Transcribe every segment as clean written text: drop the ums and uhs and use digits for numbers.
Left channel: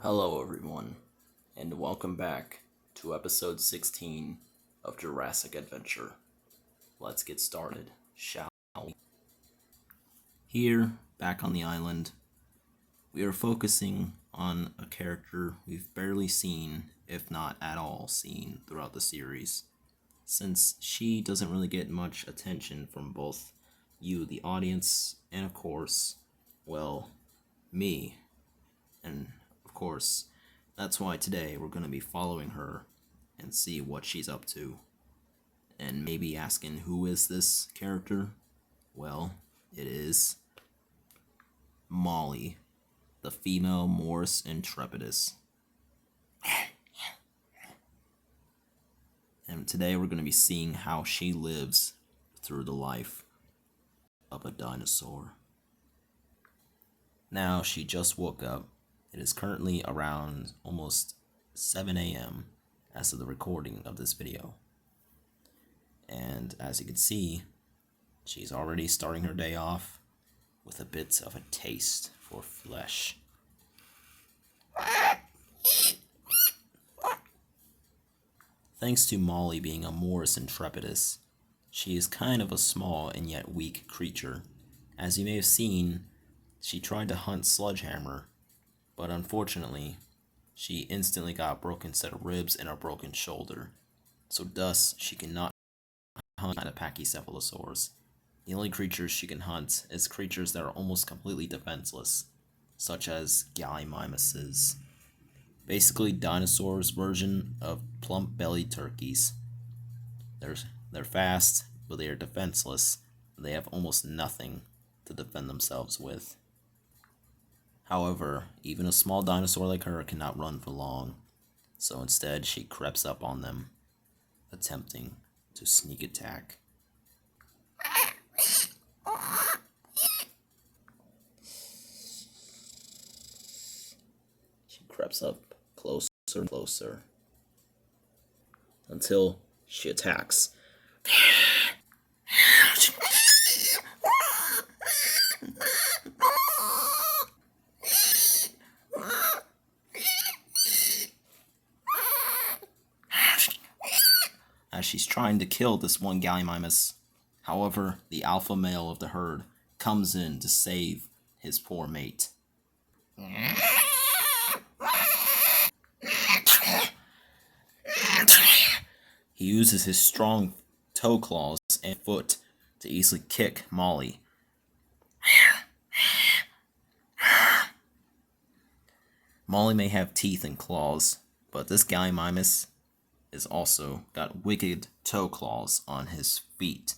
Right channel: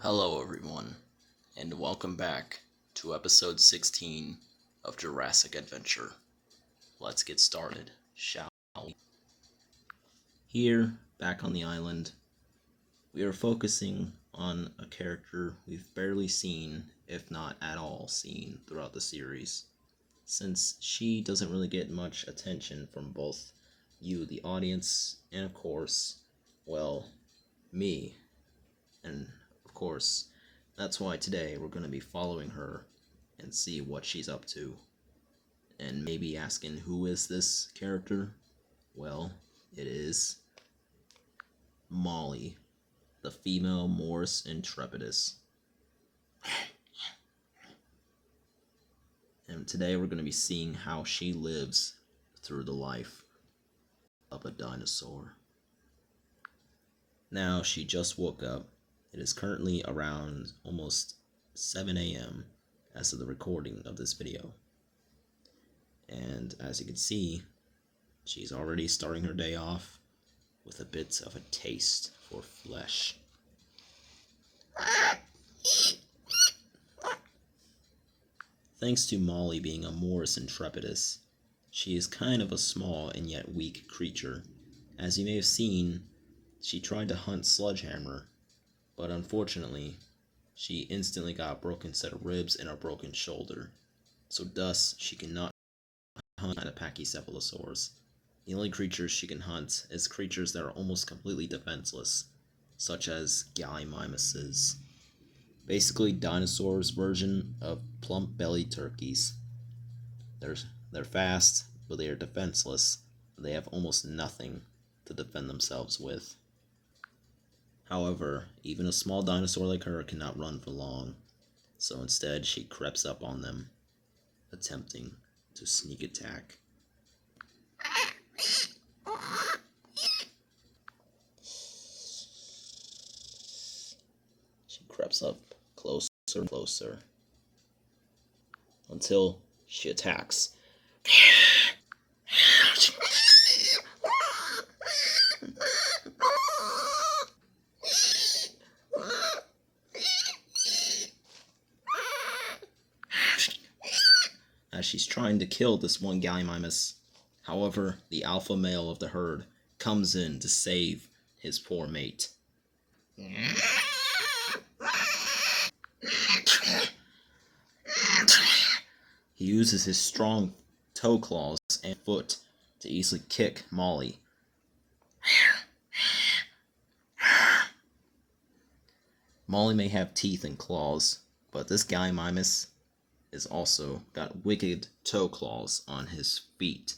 Hello, everyone, and welcome back to episode 16 of Jurassic Adventure. Let's get started, shall we? Here, back on the island, we are focusing on a character we've barely seen, if not at all seen, throughout the series, since she doesn't really get much attention from both you, the audience, and of course, well, me. And of course, that's why today we're going to be following her and see what she's up to. And maybe asking, who is this character? Well, it is Molly, the female Morris Intrepidus. And today we're going to be seeing how she lives through the life of a dinosaur. Now, she just woke up. It is currently around almost 7 a.m. as of the recording of this video. And as you can see, she's already starting her day off with a bit of a taste for flesh. Thanks to Molly being a Morris Intrepidus, she is kind of a small and yet weak creature. As you may have seen, she tried to hunt Sledgehammer, but unfortunately, she instantly got a broken set of ribs and a broken shoulder. So thus, she cannot hunt a Pachycephalosaurus. The only creatures she can hunt is creatures that are almost completely defenseless, such as Gallimimuses. Basically, dinosaurs' version of plump-bellied turkeys. They're fast, but they are defenseless. They have almost nothing to defend themselves with. However, even a small dinosaur like her cannot run for long, so instead she creeps up on them, attempting to sneak attack. She creeps up closer and closer until she attacks. As she's trying to kill this one Gallimimus. However, the alpha male of the herd comes in to save his poor mate. He uses his strong toe claws and foot to easily kick Molly. Molly may have teeth and claws, but this Gallimimus is also got wicked toe claws on his feet.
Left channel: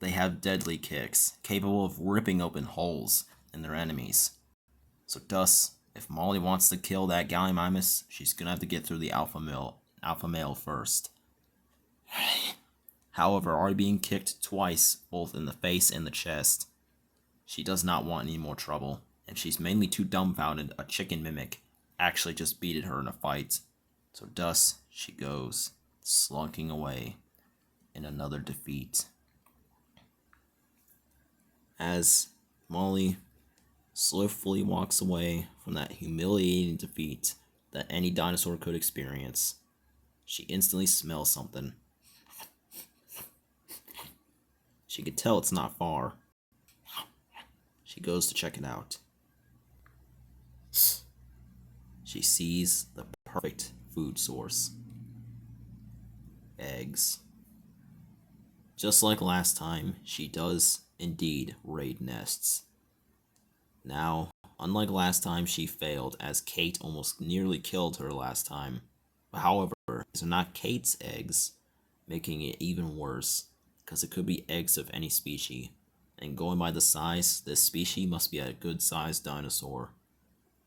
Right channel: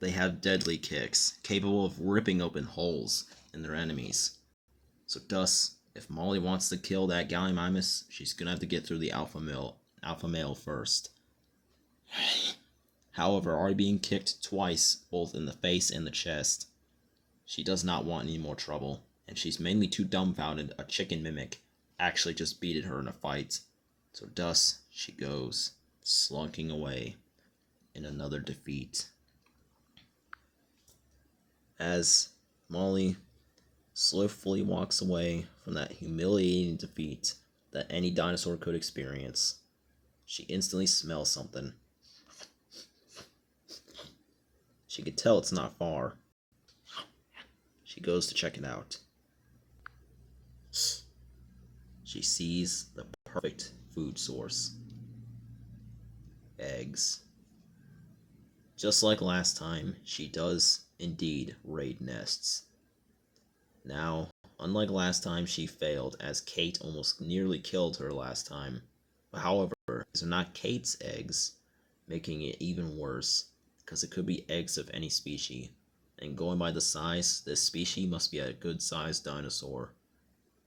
They have deadly kicks, capable of ripping open holes in their enemies. So thus, if Molly wants to kill that Gallimimus, she's gonna have to get through the alpha male first. However, already being kicked twice, both in the face and the chest, she does not want any more trouble, and she's mainly too dumbfounded a chicken mimic actually just beated her in a fight. So thus, she goes, slunking away in another defeat. As Molly slowly walks away from that humiliating defeat that any dinosaur could experience, she instantly smells something. She could tell it's not far. She goes to check it out. She sees the perfect food source. Eggs. Just like last time, she does indeed raid nests. Now, unlike last time, she failed, as Kate almost nearly killed her last time. However, these are not Kate's eggs, making it even worse, because it could be eggs of any species. And going by the size, this species must be a good-sized dinosaur.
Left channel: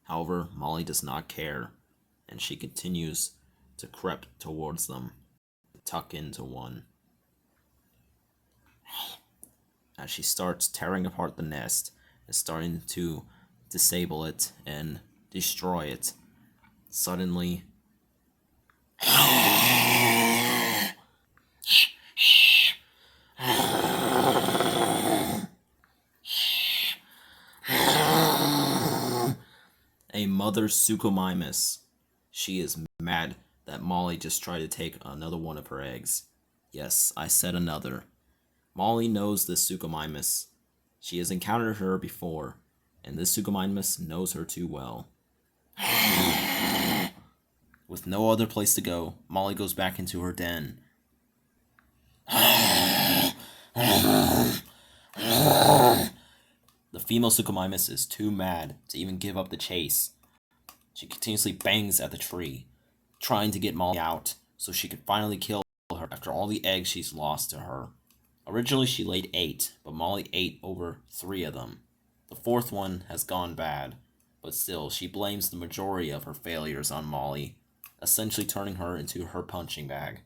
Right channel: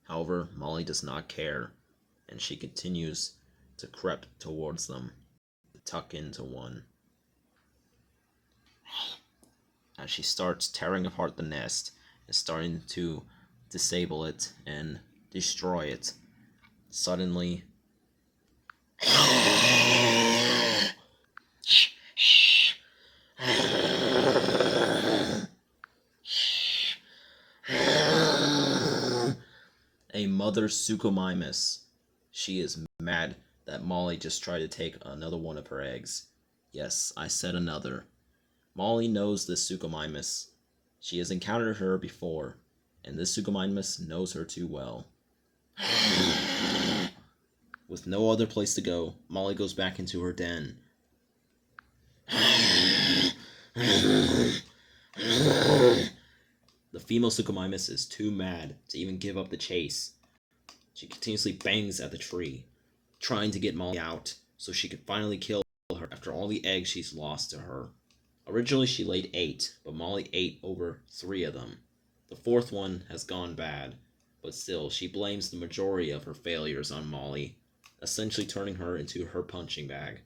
However, Molly does not care, and she continues to creep towards them, to tuck into one. As she starts tearing apart the nest and starting to disable it and destroy it, suddenly A mother Suchomimus. She is mad that Molly just tried to take another one of her eggs. Yes, I said another. Molly knows this Suchomimus. She has encountered her before, and this Suchomimus knows her too well. With no other place to go, Molly goes back into her den. The female Suchomimus is too mad to even give up the chase. She continuously bangs at the tree, trying to get Molly out so she can finally kill her after all the eggs she's lost to her. Originally she laid 8, but Molly ate over 3 of them. The 4th one has gone bad, but still she blames the majority of her failures on Molly, essentially turning her into her punching bag.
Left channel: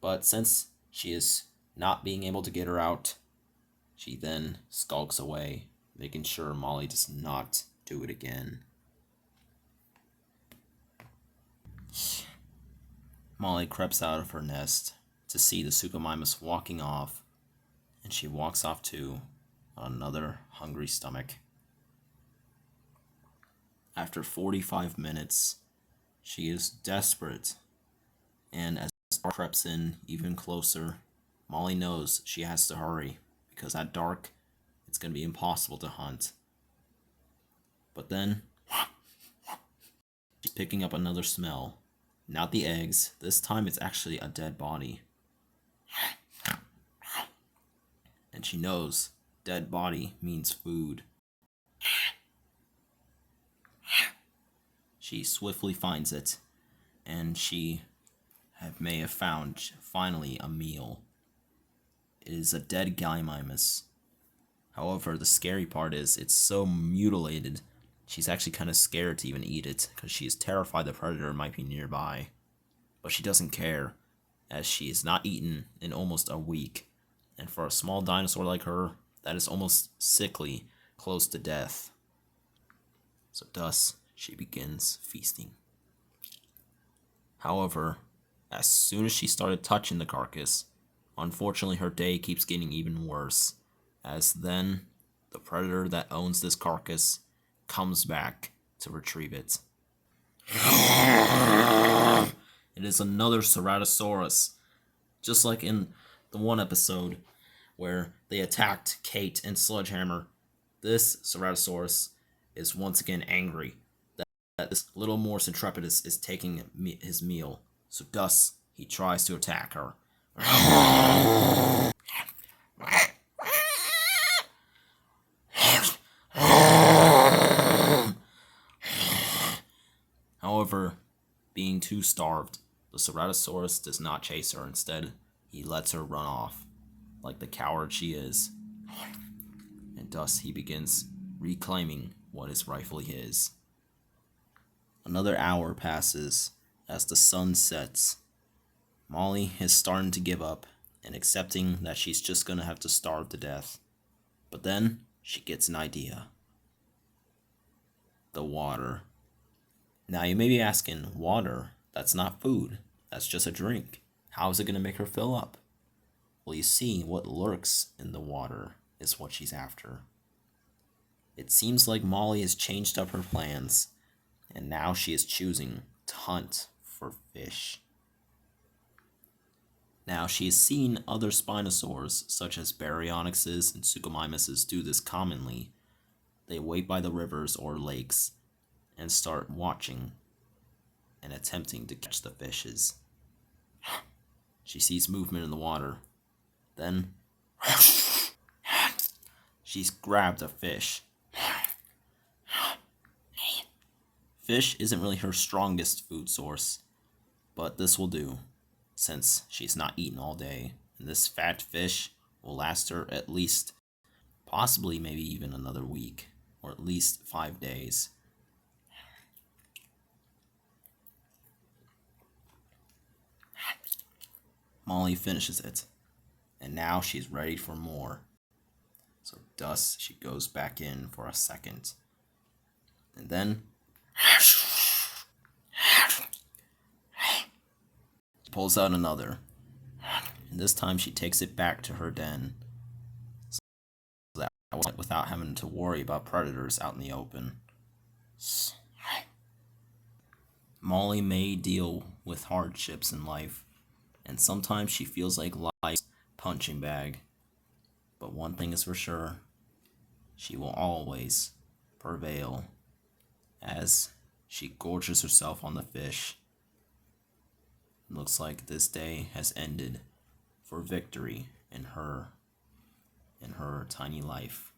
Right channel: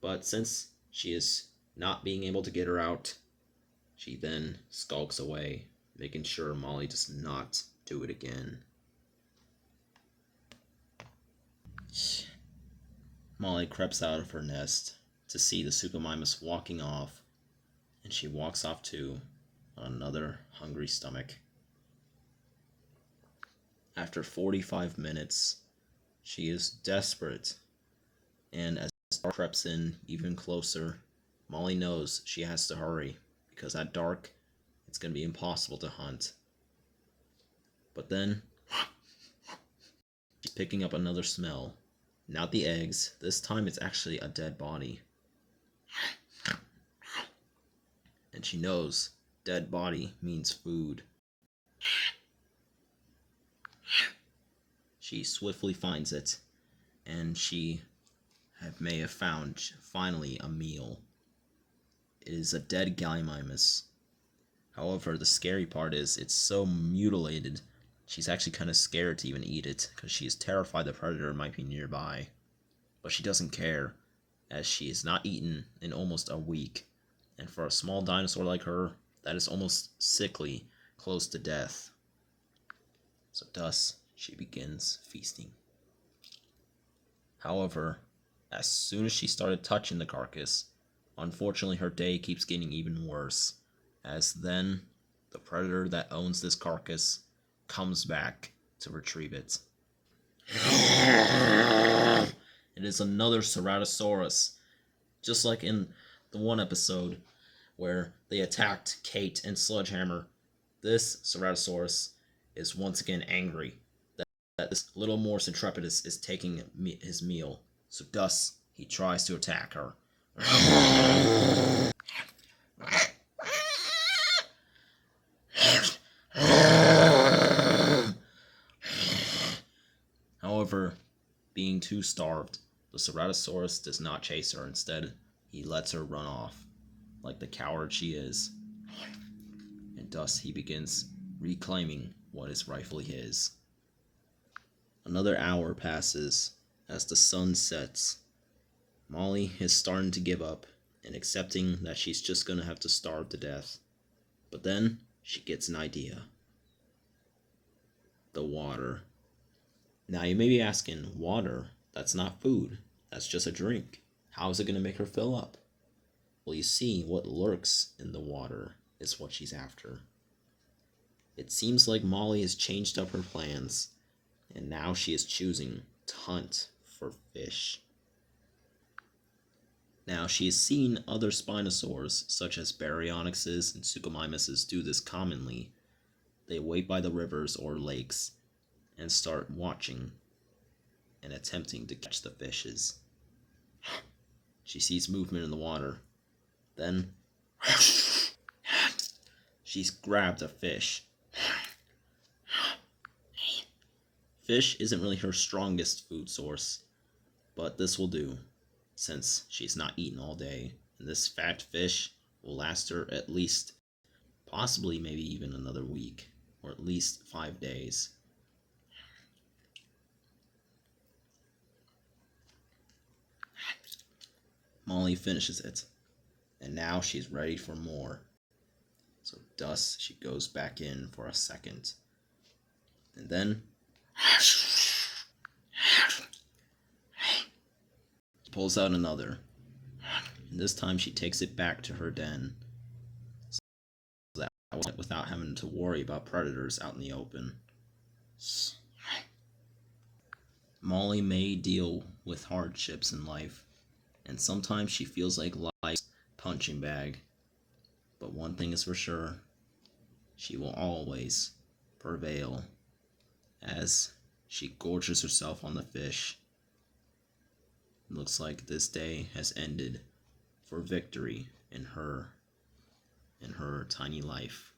But since she is not being able to get her out, she then skulks away, making sure Molly does not do it again. Molly creeps out of her nest to see the Suchomimus walking off, and she walks off too, on another hungry stomach. After 45 minutes, she is desperate, and as dark creeps in even closer, Molly knows she has to hurry, because at dark, it's going to be impossible to hunt. But then, she's picking up another smell. Not the eggs, this time it's actually a dead body. And she knows dead body means food. She swiftly finds it, and she may have found finally a meal. It is a dead Gallimimus. However, the scary part is it's so mutilated, she's actually kind of scared to even eat it because she is terrified the predator might be nearby. But she doesn't care, as she is not eaten in almost a week, and for a small dinosaur like her, that is almost sickly close to death. So thus, she begins feasting. However, as soon as she started touching the carcass, unfortunately her day keeps getting even worse, as then the predator that owns this carcass comes back to retrieve it. It is another Ceratosaurus, just like in the one episode where they attacked Kate and Sledgehammer. This Ceratosaurus is once again angry that this little Morse Intrepidus is taking his meal, so thus he tries to attack her. However, being too starved, the Ceratosaurus does not chase her. Instead, he lets her run off, like the coward she is. And thus he begins reclaiming what is rightfully his. Another hour passes as the sun sets. Molly is starting to give up and accepting that she's just going to have to starve to death. But then she gets an idea. The water. Now you may be asking, water? That's not food. That's just a drink. How is it going to make her fill up? Well, you see, what lurks in the water is what she's after. It seems like Molly has changed up her plans, and now she is choosing to hunt for fish. Now, she has seen other spinosaurs, such as baryonyxes and Suchomimuses, do this commonly. They wait by the rivers or lakes and start watching and attempting to catch the fishes. She sees movement in the water. Then, she's grabbed a fish. Fish isn't really her strongest food source, but this will do, since she's not eaten all day, and this fat fish will last her at least, possibly maybe even another week, or at least 5 days. Molly finishes it, and now she's ready for more. So thus she goes back in for a second, and then pulls out another, and this time she takes it back to her den, so that without having to worry about predators out in the open. Molly may deal with hardships in life, and sometimes she feels like life's punching bag. But one thing is for sure, she will always prevail as she gorges herself on the fish. Looks like this day has ended for victory in her tiny life.